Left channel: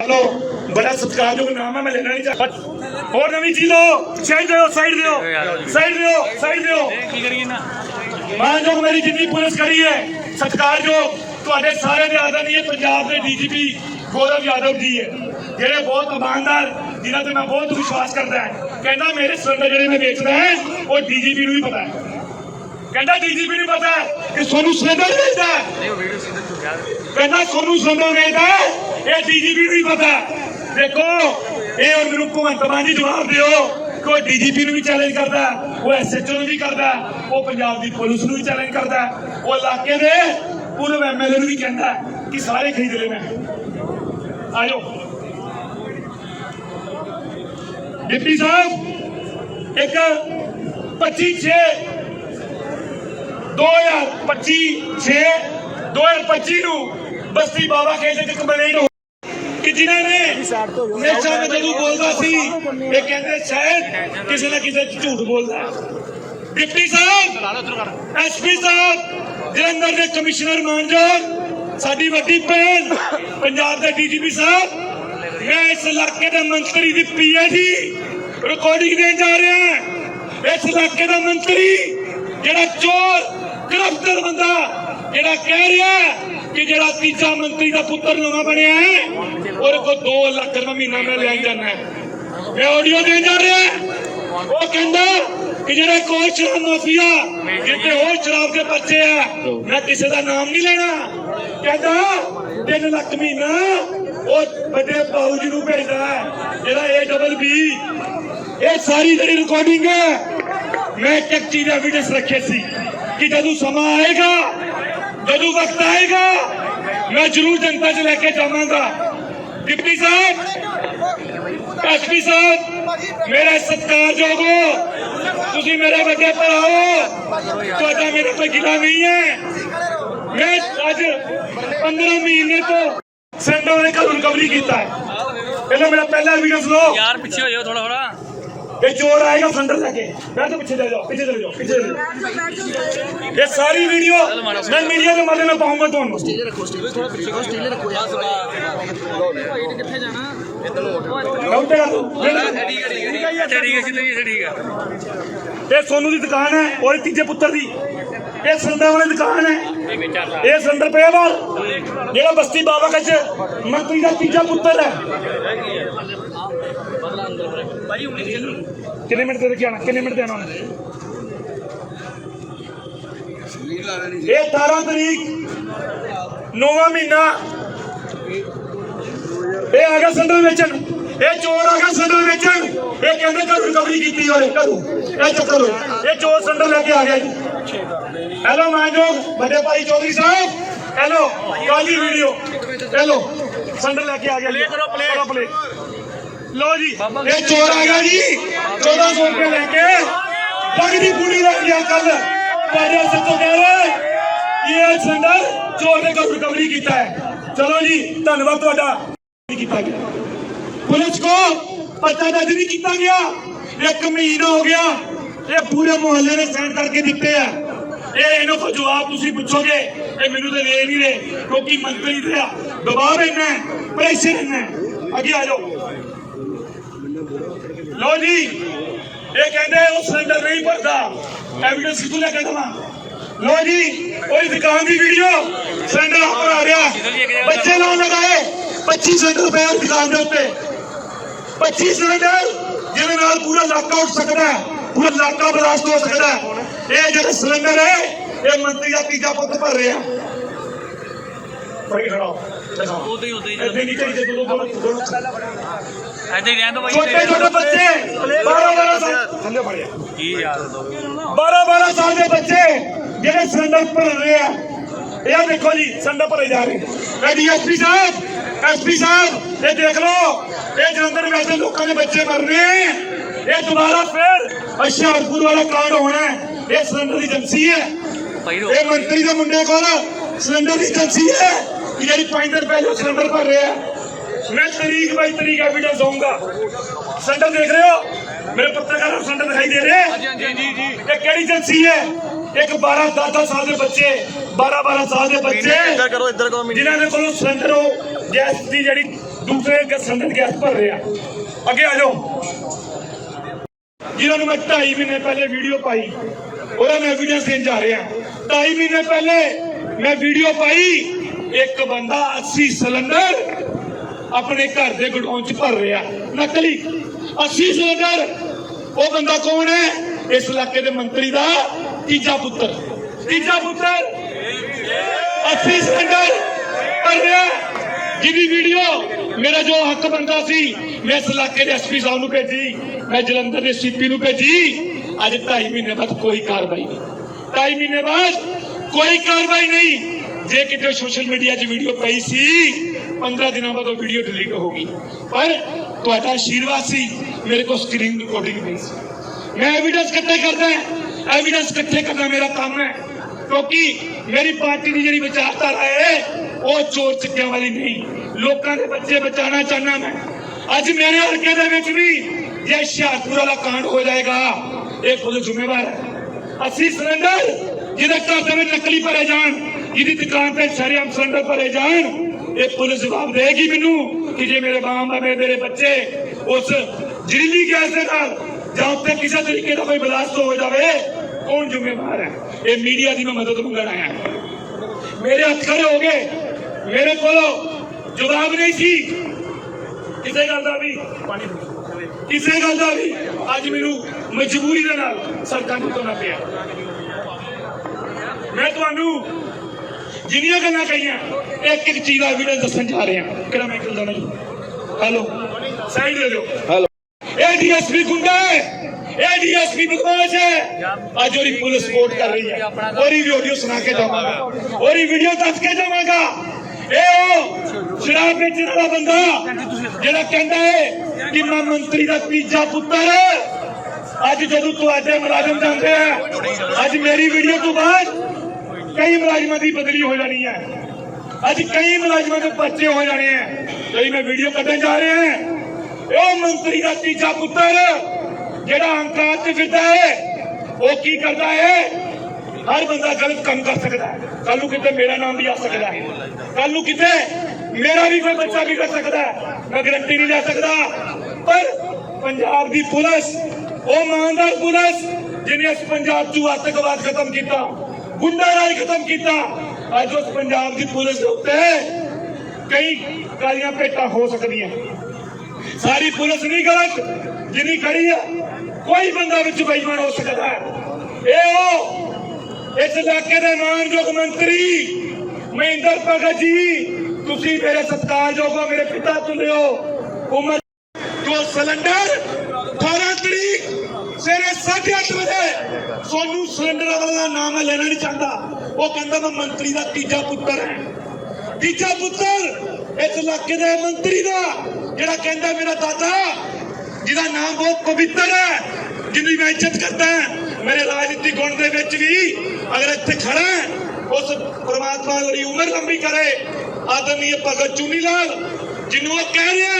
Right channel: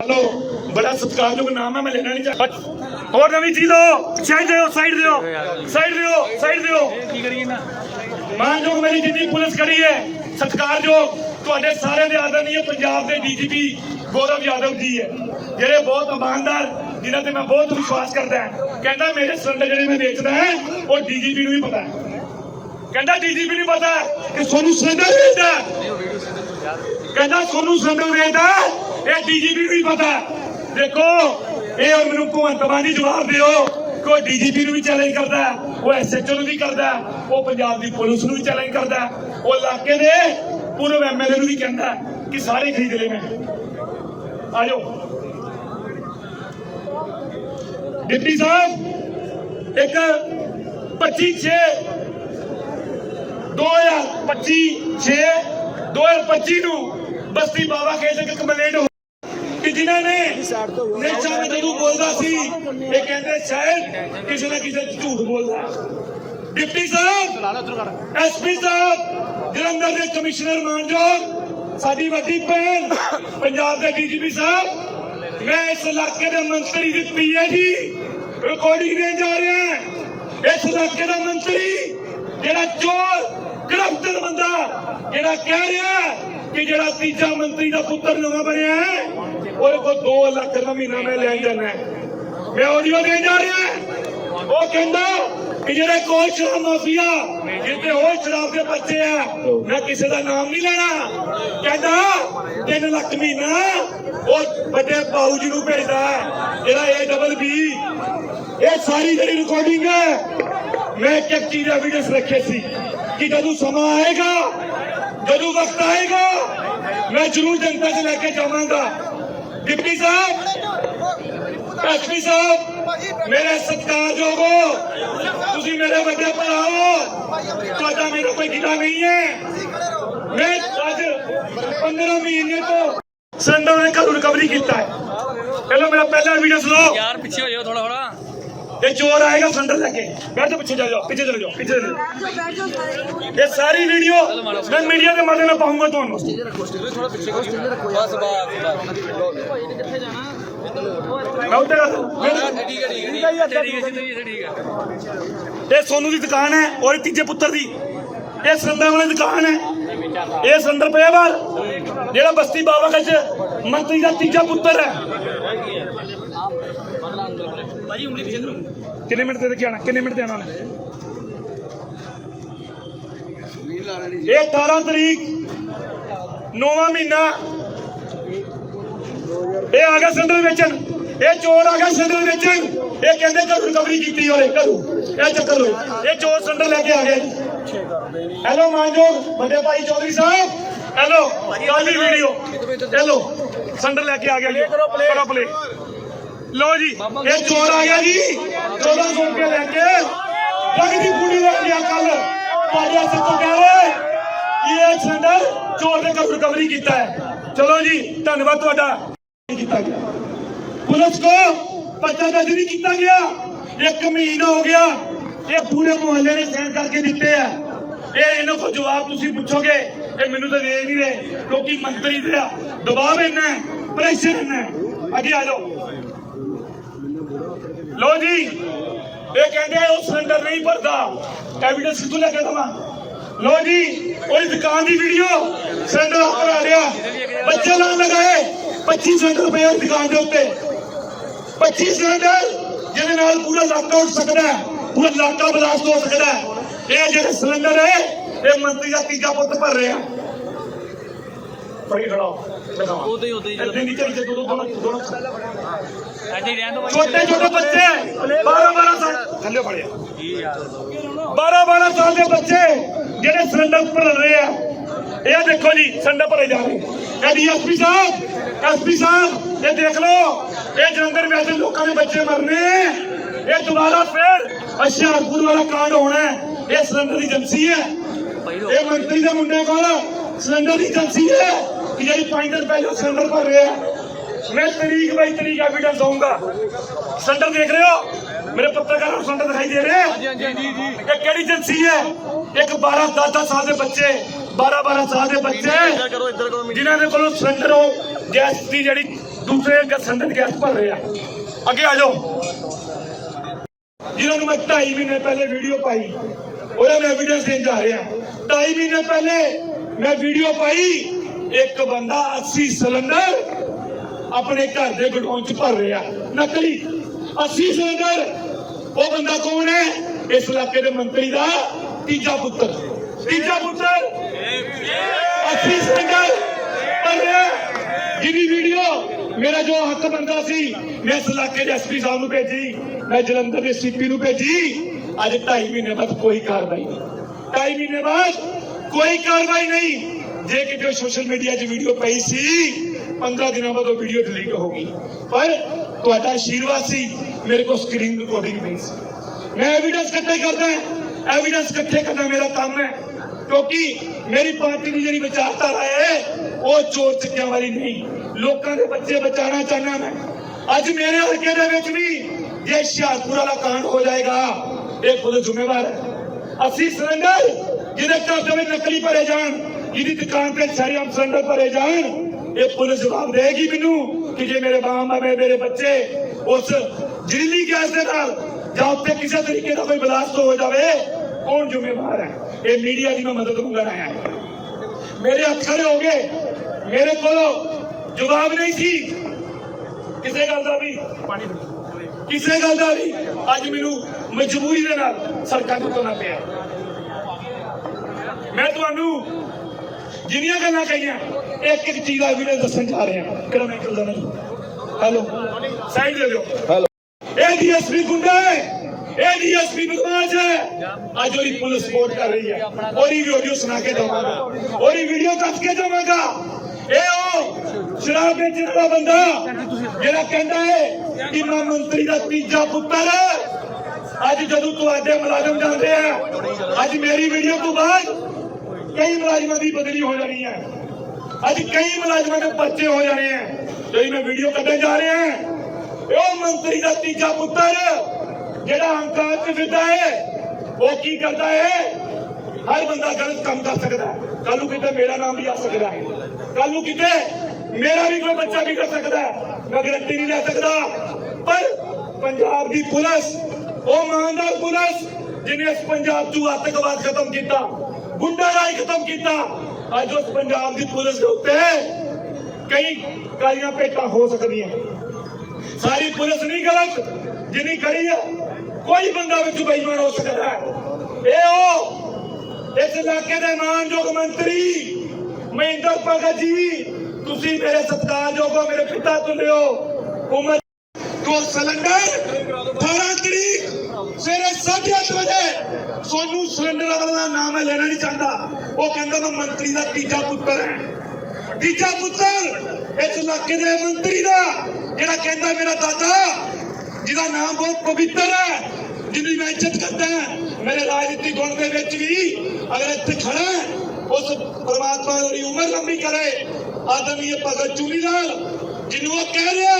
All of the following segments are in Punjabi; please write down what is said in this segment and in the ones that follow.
ਲੋ ਬੜਾ ਸਤਿਕਾਰਯੋਗ ਨਾਮ ਹੈ ਮੈਂ ਲੈਣਾ ਨਹੀਂ ਚਾਹਦਾ। ਹੋਰ ਨਵੀਂ ਚੀਜ਼ ਲੋ ਸਾਈਡ ਦਿਓ ਸਾਈਡ ਦਿਓ ਸਾਈਡ ਦਿਓ ਸਾਈਡ ਦਿਓ। ਕੀ ਕਰੀਏ ਨਾ ਮਾਨਯੋਗ ਮੇਰੀ ਜਿੰਨੀ ਪੁਲਿਸ ਖੜੀ ਹੈ ਸਤਿਕਾਰਯੋਗ ਤੁਹਾਡੇ ਸਾਰੇ ਦੇ ਆਦਰਣੀਏ ਪੰਜਾਬ ਦੇ ਡੀਜੀਪੀ ਗੌਰਵ ਯਾਦਵ ਜੀ ਹੈ। ਜਿਹੜੇ ਬਹੁਤ ਇਮਾਨਦਾਰ, ਜਿਨ੍ਹਾਂ ਤੇ ਮੈਂ ਬਹੁਤ ਵਿਸ਼ਵਾਸ ਕਰਦਾ ਹਾਂ। ਕਹਿੰਦਾ, ਮੇਰੇ ਸਿਲੰਡਰ ਜਿਹੜੇ ਮੈਂ ਵੇਚਦਾ ਹੈ, ਉਹ ਡੀਜੀਪੀ ਨੂੰ ਵੀ ਪਤਾ ਹੈ। ਕਹਿੰਦਾ, ਡੀਜੀਪੀ ਨੂੰ ਪਤਾ ਹੈ ਕਿ ਸੋਨੂੰ ਸਿਲੰਡਰ ਵੇਚਦਾ ਕਹਿੰਦਾ, ਸੋਨੂੰ ਸਿਲੰਡਰ ਵੇਚਦਾ ਇਹ ਡੀਜੀਪੀ ਨੂੰ ਵੀ ਪਤਾ ਦੇਖੋ, ਇਹ ਹੁਣ ਮੈਨੂੰ ਭਗਵੰਤ ਮਾਨ ਜੀ ਜਵਾਬ ਦਿਓ ਕਿ ਉਹ ਡੀਜੀਪੀ ਨੂੰ ਵੀ ਚੈਲੰਜ ਕਰਦਾ ਉਹ ਐਸਐਚਓ ਨੂੰ ਵੀ ਕਰਦਾ ਉਹ ਪੰਜਾਬ ਦੀ ਪੁਲਿਸ ਨੂੰ ਵੀ ਚੈਲੰਜ ਕਰਦਾ ਉਹ ਇਲਾਕੇ ਦੇ ਪੂਰਵ ਐਮਐਲਏ ਨੂੰ ਵੀ ਕਹਿੰਦਾ ਕਿ ਸਾਰੇ ਖਰੀਦ ਲੈ ਆ ਜਾਓ ਡਿਪਟੀ ਸਾਹਿਬ, ਇੱਕ 25 6 2025 6 2025 ਨੂੰ ਬਸਤੀ ਬਾਬਾ ਖੇਤ ਚ ਕੰਪਲੇਂਟ ਕਿ ਜਿਨ੍ਹਾਂ ਨੇ? ਮੇਰੇ ਸਾਹਮਣੇ ਜਦੋਂ ਬੋਲਦਾ ਸੀ, ਇਹ ਕਹਿੰਦੇ ਸ਼ਾਇਦ ਕਿਸੇ ਨਾ ਕਿਸੇ ਝੂਠ ਬੋਲਦਾ ਡਿਪਟੀ ਸਾਹਿਬ ਐਸਪੀ ਸਾਹਿਬ, ਜਲੰਧਰ ਦੇ ਕਮਿਸ਼ਨਰ ਮਾਨਜੋਤ ਸਾਡੀ ਵੱਡੀ ਭੈਣ, ਪੰਜਾਬ ਦੇ ਡੀਜੀਪੀ ਸਾਹਿਬ, ਮੈਂ ਇਸ ਇਲਾਕੇ ਦੇ ਮੰਤਰੀ ਦੀ ਪੀਏ ਰਿਕਾਰਡਿੰਗ ਦੇਣ ਜਾ ਰਿਹਾ ਇਸ ਇਲਾਕੇ ਦਾ ਮੰਤਰੀ, ਜਿਹੜਾ ਚੋਰ ਕਰਪਟਰ ਬੰਦਾ, ਜਿਹੜਾ ਕਹਿ ਰਿਹਾ ਕਿ ਜਿਹੜਾ ਤੀਜਾ ਮੰਤਰੀ ਦਾ ਪੁੱਤਰ ਨਵਾਂ ਬਣਿਆ ਹੈ, ਉਹਦੇ ਕੋਲ 2 ਲੱਖ ਰੁਪਏ ਮਹੀਨਾ ਮੈਂ ਲੈ ਜਾਣਾ ਮੈਂ ਆਡੀਓ ਦੇਣ ਜਾ ਰਿਹਾ ਉਹ ਕਹਿੰਦਾ ਕਿ ਜਿਹੜੇ ਕੋਲ ਸ਼ਰਾਬ ਮਾਫੀਆ ਜਿੱਤੇ ਹੋਰ ਸ਼ਰਾਬ ਦੇ ਬੱਚੇ ਆ, ਮੈਂ ਕਿਸੇ ਦਾ ਨਾਮ ਨਹੀਂ ਲੈਣਾ। ਕਹਿੰਦਾ 3 ਲੱਖ ਮਹੀਨਾ ਉਹ ਵੱਡੇ ਬਾਊ ਜੀ ਨੂੰ ਭੇਜਦਾ ਹੈ, ਜਿਹੜਾ ਏ ਡਬਲ ਬੀ ਇਹ ਸਾਰੀ ਜਿਹੜੀ ਰਿਕਾਰਡਿੰਗ ਹੈ, ਮੈਂ ਇੱਕ ਇੱਕ ਚੀਜ਼ ਐਵੀਡੈਂਸ ਰੱਖੇ ਸੀ ਕਿ ਜਦੋਂ ਸਮਾਂ ਆਏਗਾ ਜਦੋਂ ਵਕਤ ਆਏਗਾ ਮੈਂ ਜ਼ਰੂਰ ਜਨਤਾ 'ਚ ਲੈ ਕੇ ਜਾਵਾਂਗਾ ਡਿਪਟੀ ਸਾਹਿਬ ਐਸਪੀ ਸਾਹਿਬ ਮੇਰੇ ਸਤਿਕਾਰਯੋਗੋ ਤੁਸੀਂ ਮੇਰੇ ਵੱਡੇ ਭਰਾ ਹੋ ਤੁਹਾਡਾ ਮੇਰਾ ਕੋਈ ਗਿਲਾ ਨਹੀਂ ਹੈ। ਮੈਂ ਅੱਜ 15 ਮਹੀਨੇ ਤੋਂ ਸਿਲੰਡਰ ਦੇ ਘਰੋਂ ਰਿਕਵਰੀ ਕੀਤਾ ਹੈ। ਪਹਿਲਾਂ ਮੇਰਾ ਪਹਿਲਾ ਵੀਡੀਓ ਸੁਣੋ। ਯਾਰ, ਪਿੱਛੇ ਹੋ ਜਾਓ ਥੋੜਾ ਥੋੜਾ ਇਹ ਚੋਰ ਆਏਗਾ ਸਿਲੰਡਰ ਲੈ ਕੇ। ਬੈਠ ਜਾਓ ਪਿੱਛੇ ਜਾ ਜਾਓ, ਪਿੱਛੇ ਚਲੇ ਜਾਓ, ਪਿੱਛੇ ਚਲੇ ਜਾਓ। ਇਹ ਸਾਰੀ ਵੀਡੀਓ ਮੈਂ ਮੀਡੀਆ ਦੇ ਮਾਧਿਅਮ ਨਾਲ ਪਾਉਂਗਾ ਤੁਹਾਨੂੰ। ਮੈਂ ਉੱਤੇ ਰੱਖ ਦੂੰ। ਠੀਕ ਹੈ ਠੀਕ ਹੈ ਠੀਕ ਹੈ ਠੀਕ ਹੈ ਇਹ ਸੋਨੂ ਦੀ ਦੁਕਾਨ ਹੈ, ਔਰ ਤੀਜੇ ਪੁੱਤਰ ਦੀ। ਇਹ ਸੰਦਾਂ ਵਾਲੀ ਦੁਕਾਨ ਹੈ। ਇਹ ਸੰਦਰ ਪਿਆ ਬਾਹਰ ਜਿਹੜਾ ਬਸਤੀ ਬਾਬਾ ਕੱਚ ਮੰਤਰੀ ਦਾ ਤੀਜਾ ਪੁੱਤਰ ਹੈ। ਕਿੰਨੇ ਮਿੰਟ ਤੇ ਆਣਾ ਕਿੰਨੇ ਮਿੰਟ ਤੇ ਆਣਾ ਇਹ 18 ਤਰੀਕ ਨੌਵਾਂ ਮਹੀਨਾ। ਇਹ ਆ ਗਿਆ ਸੰਦਰ ਵੇਚਣ। ਇਹ ਚੋਰ ਆ ਗਿਆ ਸੰਦਰ ਵੇਚਣ। ਇਹ ਕਹਿੰਦੇ ਘਰ ਰਿਕਵਰੀ ਕੀਤੀ ਉਹਨੇ। ਘਰੋਂ। ਇਹ ਚੱਕਰ। ਇਹ ਚੋਰ ਸੰਦਰ ਲੈ ਕੇ ਆ ਗਿਆ ਜੀ। ਹੈਲੋ ਮਾਨਯੋਗ ਵੱਡੇ ਭਾਈ ਚੌਧਰੀ ਸਾਹਿਬ। ਹੈਲੋ ਕੱਲ ਵੀਡੀਓ। ਹੈਲੋ ਸੰਦਰ ਲੈ ਕੇ ਆ ਗਿਆ ਕਰੋ ਪਲੇ ਕਰੋ ਪਲੇ ਲੋ ਜੀ ਇਹ ਚੋਰ ਆ ਗਿਆ ਜੀ। 1400 ਰੁਪਏ ਲੈ ਕੇ ਜਗ ਦੀ ਪੂਰੀ ਲੈ ਗਿਆ ਕੱਲ। ਸੱਤੋ ਕਹੇ ਇਹ ਸੰਦਰ ਚੋਰ ਨੇ ਘਰ ਰਿਕਵਰੀ ਕੀਤਾ ਹੈ? ਚਲੋ ਜੀ ਧੰਨਵਾਦ ਤੁਹਾਡਾ। ਕੀਤਾ ਗਿਆ? ਪੁਲਿਸ ਕੋ ਪਰਚਾ ਦਰਜ ਨਹੀਂ ਕੀਤਾ ਗਿਆ। ਇੱਕ ਮਹੀਨਾ ਹੋ ਗਿਆ ਇਹ ਪੂਰੇ ਮੁਹੱਲੇ ਨੇ ਸੈਂਡ ਕਰਕੇ ਦਿੱਤੇ ਆ। ਇਹ ਇਹਨਾਂ ਕੋਲ ਜਵਾਬ ਤੁਸੀਂ ਪੁੱਛੋਗੇ ਇਹ ਮੈਨੂੰ ਤਾਂ ਦੇ ਨਹੀਂ ਰਹੇ। ਕਿਉਂਕਿ ਮੰਤਰੀ ਦੇ ਆ। ਦਬਾਅ ਇੰਨਾ ਪ੍ਰੈਸ਼ਰ ਇੰਨਾ ਅੱਗੇ ਆ ਜਾਓ। ਲੋ ਜੀ, ਇਹ ਕਹਿੰਦੇ ਉਹ ਸਿਲੰਡਰ ਨਹੀਂ ਭਰਦਾ। ਐਵੀਡੈਂਸ ਕਿੱਥੋਂ ਲੈ ਕੇ ਦਵਾਂ? ਲੋ ਜੀ ਉਹਦੀ ਦੁਕਾਨ ਦੀ ਵੀਡੀਓ ਸਿਲੰਡਰ ਉੱਪਰ ਆ ਰਿਹਾ। ਬੱਚੇ ਨਾਲ ਲਗਾਏ 25 ਸਿਲੰਡਰ ਰੁਪਏ ਦੁਕਾਨ ਦੇ ਉੱਤੇ। 25 ਸਿਲੰਡਰ ਜਿਹਦੇ ਨਾਲ ਪੂਰਾ ਇਲਾਕਾ ਉੱਠ ਸਕਦਾ ਹੈ, ਪੂਰਾ ਇਲਾਕਾ ਬਰਦਾਸ਼ਤ ਹੋ ਸਕਦਾ ਹੈ। ਇਹ ਜਿਹੜੇ ਸਿਲੰਡਰ ਹੈ, ਇਹ ਮੰਤਰੀ ਦਾ ਤੀਜਾ ਪੁੱਤ ਭਰ ਰਿਹਾ ਫੜੀ ਖੜਾਓ ਦਿਖਾਓ ਉਦੋਂ ਹੀ ਉਦੋਂ ਹੀ। ਐਦਾਂ ਨਹੀਂ ਚਾਹੀਦੇ ਦੋ ਦੋ ਦੋ ਐਦਾਂ ਹੀ ਰਹਿਣ ਦੋ ਬਾਈ। ਛੋਟੇ ਛੋਟੇ ਬੱਚੇ 12 12 ਸਾਲ। ਥੱਲੇ ਫੜਿਆ। ਕੀ ਯਾਰ 12 12 ਸਾਲ ਦੇ ਬੱਚੇ ਜਿਹੜੇ ਸਿਲੰਡਰ ਭਰ ਰਹੇ ਆ। ਇਹ ਦੇਖੋ ਜੀ ਸਿਲੰਡਰ ਭਰੇ ਜਾ ਰਹੇ। ਇਹ ਡੀਐਸਪੀ ਸਾਹਿਬ ਐਸਪੀ ਸਾਹਿਬ ਇਹ ਦੇਖ ਲਓ। ਇਹ ਜਲੰਧਰ ਵਿੱਚ ਲੋਕਾਂ ਦੇ ਬੱਚੇ ਮਰ ਰਹੇ ਇਹ ਦੁਬਾਰਾ ਫਿਰ ਅਸ਼ਿਆਰਪੁਰ ਵਾਲਾ ਕਾਂਡ ਹੋਣਾ। ਇਹ ਸਿਲੰਡਰ ਦੀ ਏਜੰਸੀ ਹੈ। ਇਹ ਮੰਤਰੀ ਦੇ ਮੁੰਡੇ ਕੋਲ ਸਿਲੰਡਰ ਦੀ ਏਜੰਸੀ ਹੈ। ਕਿ ਜਿਹੜੀ 5 ਦਿਨ ਪਹਿਲਾਂ ਸਿਲੰਡਰ ਭਰ ਰਿਹਾ ਮੈਂ ਤਰੀਕ ਬਾਈ ਤਰੀਕ ਐਵੀਡੈਂਸ ਦਊਂਗਾ ਸਿਲੰਡਰ ਦੇਖ ਰਹੇ ਹੋ? ਮੇਰੇ ਪੱਤਰਕਾਰ ਨੂੰ ਸਿਲੰਡਰ ਦਿਖਾਈ ਦੇ ਰਹੇ? ਜੀ ਜੀ ਜੀ। ਇਹ ਕਿਹੜੀ ਏਜੰਸੀ ਹੈ? ਇੱਕ 12 10 10 ਸਾਲ ਦੇ ਬੱਚੇ 12 12 ਸਾਲ ਦੇ ਬੱਚੇ ਕਰੋ ਇੱਧਰ ਕਰੋ ਜਿਨ੍ਹਾਂ ਦੇ ਕੋਲੋਂ ਸਿਲੰਡਰ ਹੋ ਗੈਸ ਦੀ ਜਿਹੜੀ ਦੂਸਰੇ ਗ- ਸਿਲੰਡਰ ਗੈਸ ਭਰ ਰਹੇ। ਅੱਗੇ ਆ ਜਾਓ। ਜਿਨ੍ਹਾਂ ਨੂੰ ਮੈਂ 2.5 ਮਹੀਨੇ ਪਹਿਲੇ ਵੀਡੀਓ ਪਾਈ ਉਹਦਾ ਮੈਂ ਐਵੀਡੈਂਸ ਦੇਣ ਜਾ ਰਿਹਾ। 2.5 ਮਹੀਨੇ ਪਹਿਲੇ ਮੈਂ ਵੀਡੀਓ ਪਾਈ ਇੱਕ ਬੰਦਾ 80 ਸਿਲੰਡਰ ਆਪਣੇ ਘਰ ਦੇ ਗਡਾਊਨ 'ਚ ਭਰ ਰਿਹਾ। ਨਕਲੀ 80 ਸਿਲੰਡਰ। ਉਹ ਬੰਦਾ ਕੌਣ ਹੈ? ਇਸ ਇਲਾਕੇ ਦੇ ਮੰਤਰੀ ਦਾ ਤੀਜਾ ਪੁੱਤਰ। ਤੀਜਾ ਪੁੱਤਰ। 80 ਸਿਲੰਡਰ ਭਰ ਰਿਹਾ। ਜਿਹਦੀ ਵੀਡੀਓ ਮੇਰਾ ਜੋ ਹੱਕ ਬੰਦਾ ਸੀ, ਮੈਂ ਇਸ ਇਲਾਕੇ ਦੇ ਐਸਪੀ ਸਾਹਿਬ ਨੂੰ ਭੇਜੀ, ਮੈਂ ਜਲੰਧਰ ਦੇ ਸੀਪੀ ਨੂੰ ਭੇਜੀ। ਅੱਜ 2.5 ਮਹੀਨੇ ਬਾਅਦ ਕੋਈ ਕਾਰਵਾਈ ਨਹੀਂ। 2.5 ਮਹੀਨੇ ਬਾਅਦ ਕੋਈ ਕਾਰਵਾਈ ਨਹੀਂ। ਜੇ ਕਿਤੇ ਸੋਸ਼ਲ ਮੀਡੀਆ 'ਚ ਵੀਡੀਓ ਪਈ ਸੀ 15 ਦਿਨਾਂ ਬਾਅਦ ਉਹ ਵੀਡੀਓ ਡਿਲੀਟ ਹੋ ਗਈ ਪਰ ਤੁਹਾਡਾ ਆਸ਼ੀਰਵਾਦ ਸੀ ਮੇਰੇ ਕੋਲ ਸਕਰੀਨ ਰਿਕਾਰਡਿੰਗ ਪਈ ਸੀ ਮੈਂ ਐਵੀਡੈਂਸ ਇਕੱਠੇ ਕਰਦਾ ਐਵੀਡੈਂਸ ਇਕੱਠੇ ਕਰਨਾ ਮੇਰਾ ਕੰਮ ਹੈ ਕਿਉਂਕਿ ਮੇਰੀ ਪਾਰਟੀ ਦੀ ਜਿਹੜੀ ਵਿਚਾਰਧਾਰਾ ਹੈ ਉਹ ਚੋਰ ਚੱਕਿਆਂ ਵਾਲੀ ਨਹੀਂ ਲੋਕਾਂ ਦੇ ਬੱਚੇ ਬਚਾਉਣਾ ਚਾਹਨਾ ਮੈਂ ਅੱਜ ਮੇਰੇ ਹਲਕੇ ਦੇ ਵਿੱਚ ਵੀ ਜੇ ਹੁਸ਼ਿਆਰਪੁਰ ਵਾਲਾ ਕਾਂਡ ਹੋ ਜਾਏਗਾ ਇਹ ਖੁਦ ਜ਼ਿੰਮੇਵਾਰ ਹੈ ਅਸੀਂ ਸਿਲੰਡਰ ਜਿਹਦੇ ਘਰ ਜਿਹਦੀ ਦੁਕਾਨ ਤੇ ਸ਼ਰੇਆਮ ਸਿਲੰਡਰ ਭਰੇ ਜਾਣ, ਇਹ ਪੁਲਿਸ ਜਵਾਬ ਦੇਗੀ ਮੈਨੂੰ ਕਿ ਜੇ ਮੇਰੇ ਮਾਂ ਬਾਪ ਮੇਰੇ ਬੱਚੇ ਉਸ ਜ਼ਹਿਰੀਲੀ ਗੈਸ ਦੇ ਨਾਲ ਜਾਂ ਉੱਤੇ ਕਿਸੇ ਤਰੀਕੇ ਦਾ ਕੋਈ ਬਲਾਸਟ ਹੋ ਜਾਵੇ, ਕੌਣ ਜ਼ਿੰਮੇਵਾਰ ਹੈ? ਇਹ ਮੀਡੀਆ ਦੀ ਮੈਂ ਮਦਦ ਮੰਗਣ ਆਇਆ ਮੇਰੇ ਹੱਥ ਖੜੇ ਹੋ ਗਏ। ਮੇਰੇ ਕੋਲ ਜਵਾਬ ਨਹੀਂ ਸੀ। ਕਿਸੇ ਗੱਲ ਦਾ ਵੀ, ਕਿਸੇ ਗੱਲ ਦਾ ਵੀ ਅੱਜ ਮੈਨੂੰ ਮਜਬੂਰੀ ਦੇ ਨਾਲ ਸੜਕਾਂ ਤੋਂ ਤੁਰਨਾ ਪਿਆ। ਮੈਂ ਤੁਹਾਨੂੰ ਜਿੰਨੀਆਂ ਗੱਲਾਂ ਕਹੀਆਂ ਇੱਕ ਇੱਕ ਚੀਜ਼ ਦਾ ਐਵੀਡੈਂਸ ਦੱਸਣ ਜਾ ਰਿਹਾ ਕਿਹੜਾ ਮੈਂ ਚੱਲ ਜਾਣਾ ਜੀ? ਹੈਲੋ ਸਾਈਡ ਦੇ ਦਿਓ ਇਹ ਡੀਐਸਪੀ ਗੁੰਡਾ ਹੈ। ਇਹ ਡੀਐਸਪੀ ਬਦਮਾਸ਼ ਹੈ। ਅੱਜ ਉਹਦੀ ਪੁਲਿਸ ਸਪੋਰਟ ਕਰ ਰਹੀ ਹੈ। ਉਹਦੀ ਵੀਡੀਓ ਸੁਣਾ ਕੇ ਜਾਵਾਂਗਾ। ਉਹਦੀ ਵੀਡੀਓ ਦੱਸ ਕੇ ਜਾਵਾਂਗਾ। ਇਹ ਉਹ ਸ਼ਰਾਬ ਵੇਚਣ ਵਾਲਾ ਬੰਦਾ ਜਿਹੜਾ ਕਹਿੰਦਾ ਹੈ ਕਿ ਮੈਂ ਮੰਤਰੀ ਦਾ ਤੀਜਾ ਪੁੱਤਰ ਅੱਜ ਜਦੋਂ ਤੁਹਾਡੇ ਮੁਲਾਜ਼ਮ ਜਾਂਦੇ ਆ ਅੱਜ ਮੇਰੀ ਵੀਡੀਓ ਤੋਂ ਬਾਅਦ ਕਈ ਮੁਲਾਜ਼ਮਾਂ ਦੀ ਬਦਲੀ ਹੋ ਜਾਣੀ ਹੈ। ਅੱਜ ਕਈ ਮੁਲਾਜ਼ਮਾਂ ਦੇ ਬੱਚੇ ਹੋ ਜਾਣੇ ਆ ਜਿਹੜੀ ਮੈਂ ਵੀਡੀਓ ਕੱਢਣ ਜਾ ਰਿਹਾ ਹਾਂ। ਉਹ ਮੰਤਰੀ ਦਾ ਤੀਜਾ ਪੁੱਤਰ, ਜਿਹੜਾ ਹੰਕਾਰ ਤੇ ਫਿਰਦਾ ਹੈ, ਉਹ ਕੀ ਕਰਦਾ ਹੈ? ਹਰ ਬੰਦਾ ਗਲਤ ਕੰਮ ਕਰ ਸਕਦਾ ਹੈ। ਕੱਲ ਨੂੰ ਕਿਤੇ ਮੇਰਾ ਨਾਮ ਵੀ ਆ ਸਕਦਾ ਹੈ। ਕੱਲ ਨੂੰ ਕਿਤੇ ਮੇਰਾ ਵੀ ਕੋਈ ਬੱਚਾ ਵੀ ਕਰ ਸਕਦਾ ਹੈ। ਮੈਂ ਗਰੰਟੀ ਨਹੀਂ ਲੈ ਸਕਦਾ। ਪਰ ਪੰਜਾਬ ਦੀ ਪੁਲਿਸ, ਉਹ ਇਮਾਨਦਾਰ ਪੁਲਿਸ, ਜਿਹਨੇ ਇਸ ਪੰਜਾਬ ਤੋਂ ਆਤੰਕਵਾਦ ਖਤਮ ਕੀਤਾ ਗੁੰਡਾ ਰਾਜ ਖਤਮ ਕੀਤਾ ਅੱਜ ਉਸ ਪੰਜਾਬ ਦੀ ਪੁਲਿਸ ਦੇ ਉੱਤੇ ਕਈ ਕਾਲੀਆਂ ਭੇਟਾਂ ਹੋ ਸਕਦੀਆਂ ਸਾਰੀ ਪੁਲਿਸ ਨਹੀਂ ਗਲਤ ਜਿਹਨੀ ਖੜੀ ਹੈ ਕੋਈ ਬੰਦਾ ਵਿੱਚ ਬੇਈਮਾਨ ਹੋ ਸਕਦਾ ਹੈ ਇਹ ਉਹ ਇਸ ਇਲਾਕੇ ਦੇ ਮਾਨਯੋਗ ਮੰਤਰੀ ਮਹਿੰਦਰ ਭਗਤ ਜੀ ਤੁਸੀਂ ਮੇਰੇ ਸਤਿਕਾਰਯੋਗ ਹੋ ਮੇਰੇ ਪਿਤਾ ਤੁਲਿਓ ਉਮਰ ਦੋ ਸਿਲੰਡਰ 18 ਤਰੀਕ ਸਵੇਰੇ 8:30 ਵਜੇ ਸੋਨੂੰ ਸਿਲੰਡਰ ਵਾਲਾ ਨਾਮ ਮੈਂ ਲੈਣਾ ਨਹੀਂ ਚਾਹੁੰਦਾ। ਉਹ ਕਹਿੰਦਾ ਮੈਂ ਮੰਤਰੀ ਦਾ ਤੀਜਾ ਪੁੱਤਰ। ਤੀਜਾ ਪੁੱਤਰ ਇਸ ਇਲਾਕੇ ਦੇ ਮੰਤਰੀ ਦਾ, ਜਿਹੜਾ ਕਹਿੰਦਾ ਮੇਰਾ ਦਾਦਾ, ਜਿਹਦਾ ਨਾਮ ਬਹੁਤ ਪਵਿੱਤਰ ਹੈ ਜਿਹਦੀ ਮੈਂ ਇੱਜ਼ਤ ਕਰਦਾ ਮੇਰੇ ਰਾਜਨੀਤੀ ਗੁਣ ਦੇ ਵਿੱਚ ਵੀ ਅਗਰ ਇੱਥੇ ਖੜਾ ਉਸ ਪ੍ਰਮਾਤਮਾ ਉਹਦੀ ਉਮਰ ਲੰਬੀ ਕਰੇ ਆਦਮੀ ਭਗਤ ਚੂਨੀ ਲਾਲ ਜਿਹਨੂੰ ਉਹ ਕਹਿ ਰਿਹਾ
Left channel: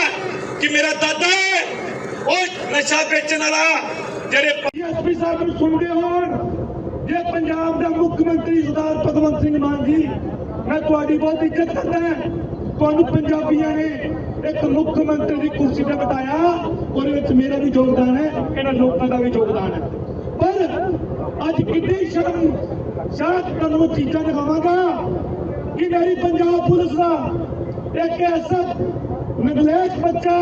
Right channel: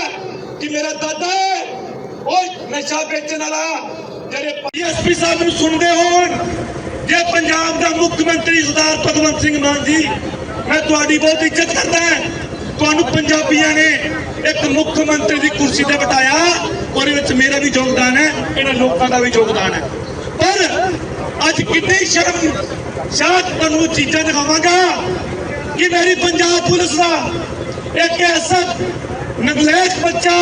ਕਿ ਮੇਰਾ ਦਾਦਾ ਹੈ, ਉਹ ਨਸ਼ਾ ਵੇਚਣ ਵਾਲਾ ਜਿਹੜੇ ਐਸਪੀ ਸਾਹਿਬ ਨੂੰ ਸੁਣਦੇ ਹੋਣ, ਜੇ ਪੰਜਾਬ ਦਾ ਮੁੱਖ ਮੰਤਰੀ ਸਰਦਾਰ ਭਗਵੰਤ ਸਿੰਘ ਮਾਨ ਜੀ, ਮੈਂ ਤੁਹਾਡੀ ਬਹੁਤ ਇੱਜ਼ਤ ਕਰਦਾ ਹਾਂ। ਤੁਹਾਨੂੰ ਪੰਜਾਬੀਆਂ ਨੇ ਇੱਕ ਮੁੱਖ ਮੰਤਰੀ ਦੀ ਕੁਰਸੀ ਤੇ ਬਿਠਾਇਆ, ਉਹਦੇ ਵਿੱਚ ਮੇਰਾ ਵੀ ਯੋਗਦਾਨ ਹੈ, ਇਹਨਾਂ ਲੋਕਾਂ ਦਾ ਵੀ ਯੋਗਦਾਨ ਹੈ। ਪਰ ਅੱਜ ਕਿੰਨੀ ਸ਼ਰਮ ਸ਼ਾਇਦ ਤੁਹਾਨੂੰ ਚੀਜ਼ਾਂ ਦਿਖਾਵਾਂਗਾ ਕਿ ਮੇਰੀ ਪੰਜਾਬ ਪੁਲਿਸ ਦਾ ਇੱਕ ਐਸਾ ਨਗਲੇਕ ਬੱਚਾ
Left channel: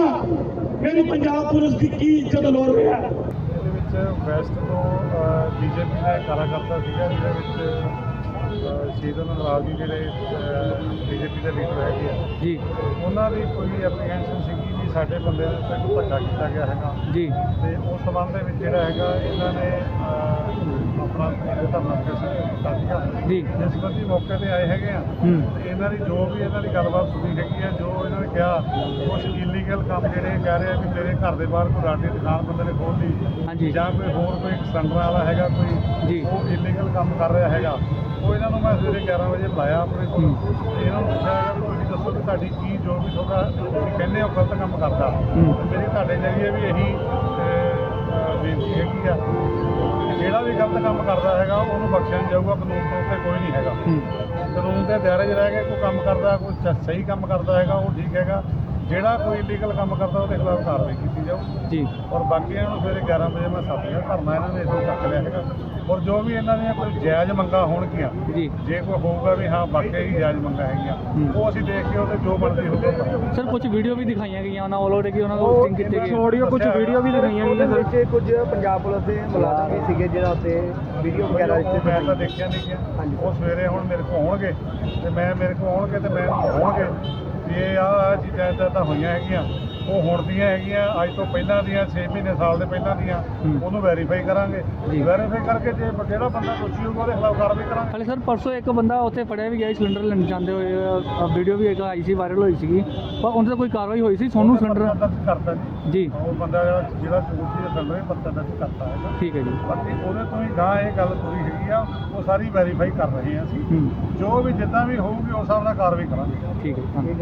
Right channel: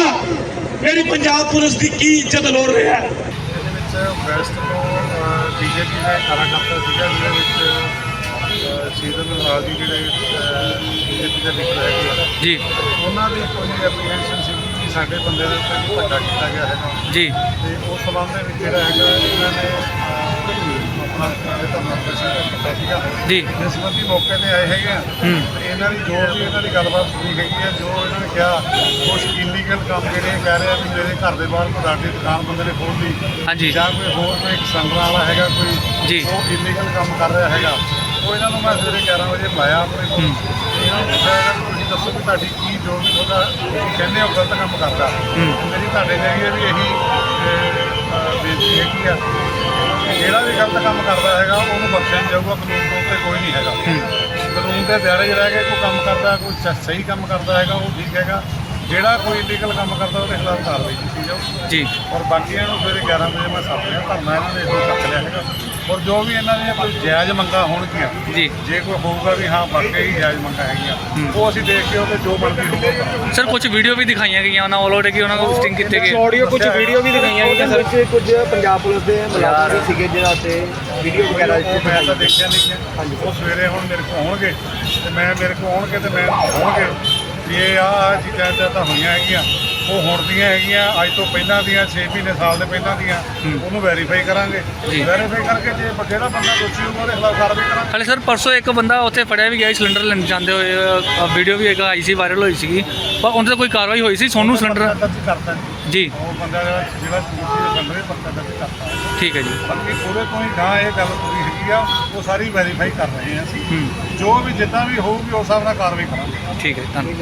ਮੇਰੀ ਪੰਜਾਬ ਪੁਲਿਸ ਦੀ ਕੀ ਇੱਜ਼ਤ ਲੋੜ ਰਿਹਾ ਹੈ। ਵੈਸਟ ਤੋਂ ਬੀਜੇਪੀ ਦਾ ਕਾਰਾਕਰਤਾ ਸੀਗਾ ਜਿਹਦੇ ਵਿੱਚ ਸੀਜ਼ਨ ਨਾਲ ਜੀ ਜਿਹੜੇ ਬੀਜੇਪੀ ਦੇ ਲੀਡਰ ਹੈਗੇ ਜੀ। ਉਹਨਾਂ ਦੀ ਕੋਈ ਐਪਲੀਕੇਸ਼ਨ ਸੀ ਕਿ ਸਾਡੇ ਬੰਦੇ ਦੇ ਉੱਤੇ ਕੋਈ ਧੱਕਾ ਕੀਤਾ ਗਿਆ ਹੈਗਾ। ਜੀ। ਤੇ ਉਸ ਸੰਬੰਧ ਦੇ ਵਿੱਚ ਜਿਹੜਾ ਹੈਗਾ ਇਹਨਾਂ ਨੇ ਆਪਣਾ ਧਰਨਾ ਪ੍ਰਦਰਸ਼ਨ ਕੀਤਾ ਸੀਗਾ। ਜੀ। ਜਿਸ ਸੰਬੰਧੀ ਮੌਕੇ ਤੇ ਆਏ ਹੈਗੇ ਆ। ਤੇ ਇਹਨਾਂ ਦੀ ਜੋ ਵੀ ਇਹਨਾਂ ਦੀ ਗੱਲਬਾਤ ਸੁਣੀ ਹੈਗੀ ਹੈ ਜੋ ਇਹਨਾਂ ਨੇ ਕਿਹਾ ਕੁਝ ਇਲੀਗਲ ਕੰਮ ਜਿਹੜੇ ਕਹਿ ਰਹੇ ਆ ਵੀ ਮੇਰੇ ਘਰ ਦੇ ਬਾਹਰ ਕੋਈ ਰਾਡੀ ਦੁਕਾਨ ਬੰਦੇ ਨੇ ਖੋਲ ਲਈ ਹਾਂਜੀ। ਜਾਂ ਕੋਈ ਹੋਰ ਕੋਈ ਸੰਗਰਾ ਵਾਲਾ ਹੈਗਾ ਕੋਈ ਜੀ। ਉਹ ਇਲੀਗਲ ਕੰਮ ਕਰ ਰਿਹਾ ਹੈਗਾ ਉਹ ਇਹਨਾਂ ਨੂੰ ਮੈਂ ਸਵੇਰੇ 11 ਵਜੇ ਬੁਲਾਇਆ ਆਪਣੇ ਕੋਲ। ਇਹਨਾਂ ਨੂੰ ਪੁੱਛਿਆ ਕਿ ਤੁਸੀਂ ਦੱਸੋ ਵੀ ਤੁਹਾਡੀ ਕੀ ਜੋ ਵੀ ਤੁਹਾਡਾ ਕਹਿੰਦੇ ਹੋ ਗਲਤ ਕੰਮ ਕਰਦਾ। ਮੇਰੀ ਤੁਹਾਡੇ ਜਰੀਏ ਵੀ ਇਹੀ ਬੇਨਤੀ ਹੈਗੀ ਆ। ਕਿ ਜਿਹੜਾ ਵੀ ਗਲਤ ਕੰਮ ਕਰਦਾ ਹੈਗਾ ਉਹਨੂੰ ਬਖਸ਼ਿਆ ਨਹੀਂ ਜਾਊਗਾ ਕਾਨੂੰਨ ਤੋਂ ਉੱਤੇ ਕੋਈ ਨਹੀਂ ਹੈਗਾ। ਕਾਨੂੰਨ ਦੇ ਦਾਇਰੇ 'ਚ ਰਹਿ ਕੇ ਕੋਈ ਕੰਮ ਕਰਦਾ ਕੋਈ ਸ- ਸਹੀ ਕੰਮ ਕਰਦਾ ਹੈਗਾ ਉਹ ਠੀਕ ਹੈਗਾ। ਜਿਹੜਾ ਕੋਈ ਇਲੀਗਲ ਕੰਮ ਕਰਦਾ ਉਹਦੇ ਖਿਲਾਫ ਕਾਰਵਾਈ ਕੀਤੀ ਜਾਊ। ਜੀ। ਔਰ ਬਾਕੀਆਂ ਨੂੰ ਸਵੇਰੇ 11 ਵਜੇ ਮੈਂ ਸੱਦ ਲਿਆ ਧਰਨਾ ਇਹਨਾਂ ਨੇ ਇਦੋਂ ਚੱਕ ਲਿਆ ਹੈਗਾ। ਔਰ ਜੋ ਵੀ ਇਹਨਾਂ ਦੀਆਂ ਕੋਈ ਜਾਇਜ਼ ਮੰਗਾਂ ਹੋਣਗੀਆਂ ਜੀ। ਜੇ ਕੋਈ ਹੋਊਗਾ ਵੀ ਹਾਂ ਵਾਕਈ ਹੀ ਜਾਇਜ਼ ਮੰਗਾਂ ਹੈਗੀਆਂ ਉਹ ਅਸੀਂ ਦੇਖ ਕੇ ਉਹਦੇ ਜੋ ਬਣਦੀ ਹੋਊਗਾ ਕਰਾਂਗੇ। ਸਰ ਕੁਝ ਵੀਡੀਓ ਵੀ ਦਿਖਾਈਆਂ ਗਈਆਂ ਉਹਨਾਂ ਵੱਲੋਂ ਕਿ ਉਹਨਾਂ ਕੋਲ ਸਟਿੰਗ ਕੀਤੇ ਗਏ। ਆਡੀਓ ਕੁਝ ਵੀਡੀਓ ਵੀ ਦਿਖਾਈਆਂ ਗਈਆਂ ਸਰ। ਵਿੱਚ ਕੁਝ ਪੰਜਾਬ ਪੁਲਿਸ ਦੇ ਮੁਲਾਜ਼ਮ ਵੀ ਸੀਗੇ ਜਿਹੜਾ ਉੱਤੇ ਵੀਡੀਓ ਵਗੈਰਾ ਉਹ ਮੈਂ ਤਾਂ ਦੇਖਿਆ ਨਹੀਂ ਹੈ। ਉਹ ਸਵੇਰੇ ਹੁਣ ਮੇਰੇ ਕੋਲ ਆਉਣਗੇ ਤੇ ਮੈਂ ਮੇਰੇ ਕੋਲ ਆਉਣਗੇ ਤੇ ਮੈਂ ਹੋਣਗੇ ਵੀ ਇਹ ਆ ਚੀਜ਼ਾਂ ਏਦਾਂ ਤਾਂ ਹੋਈਆਂ ਹੈਗੀਆਂ। ਉਹ ਹੁਣ ਦੀਆਂ ਹੈਗੀਆਂ ਅੱਜ ਤੋਂ ਪਹਿਲਾਂ ਦੀਆਂ 6 ਮਹੀਨੇ ਸਾਲ ਦੇ ਪਹਿਲਾਂ ਦੀਆਂ ਉਹਨੂੰ ਵੈਰੀਫਾਈ ਕਰਾਂਗੇ। ਵੈਰੀਫਾਈ ਕਰਕੇ ਜੇ ਜਿਹੜਾ ਬੰਦਾ ਦੋਸ਼ੀ ਹੋਊਗਾ ਉਹਦੇ ਖਿਲਾਫ ਕਾਰਵਾਈ ਕਰਾਂਗੇ। ਹਾਲੇ ਸਰ ਪਰਸੋਂ ਇੱਕ ਬੰਦਾ ਉੱਥੇ ਫੜਿਆ ਵੀ ਗਿਆ ਸੀ ਸਿਲੰਡਰ ਲੈਣ ਜਾਂਦੇ ਹੋਏ ਵੀਡੀਓ ਵੀ ਇੱਕ ਆਈ ਸੀ ਵਾਇਰਲ ਹੋਈ ਸੀਗੀ। ਪਰ ਉਹਨਾਂ ਤੇ ਕੋਈ ਕਾਰਵਾਈ ਹੋਈ ਸੀ ਸੋਨੂੰ ਸਿਲੰਡਰ? ਕਰਤਾ ਜੀ। ਉਹ ਬੰਦਾ ਜਿਹੜਾ ਜਿਹੜਾ ਚੂਸੀ ਦੇ ਸਿਲੰਡਰ ਪਰਚਾ ਦਰਜ ਕਰਤਾ ਠੀਕ ਹੈ ਜੀ। ਬਾਕੀ ਉਹਦੇ ਤੋਂ ਹੀ ਗਾਂ ਇਹ ਗੱਲ ਪੂਰੀ ਹੈਗੀ ਆ ਉਹ ਸਾਰੀ ਵੈਰੀਫਾਈ ਕਰ ਰਹੇ ਹਾਂ ਅਸੀਂ। ਜੋ ਵੀ ਜਿੱਦਾਂ ਵੀ ਹੋਊਗੀ ਉਸ ਹਿਸਾਬ ਨਾਲ ਕਾਰਵਾਈ ਕਰਾਂਗੇ। ਠੀਕ ਹੈ ਧੰਨਵਾਦ।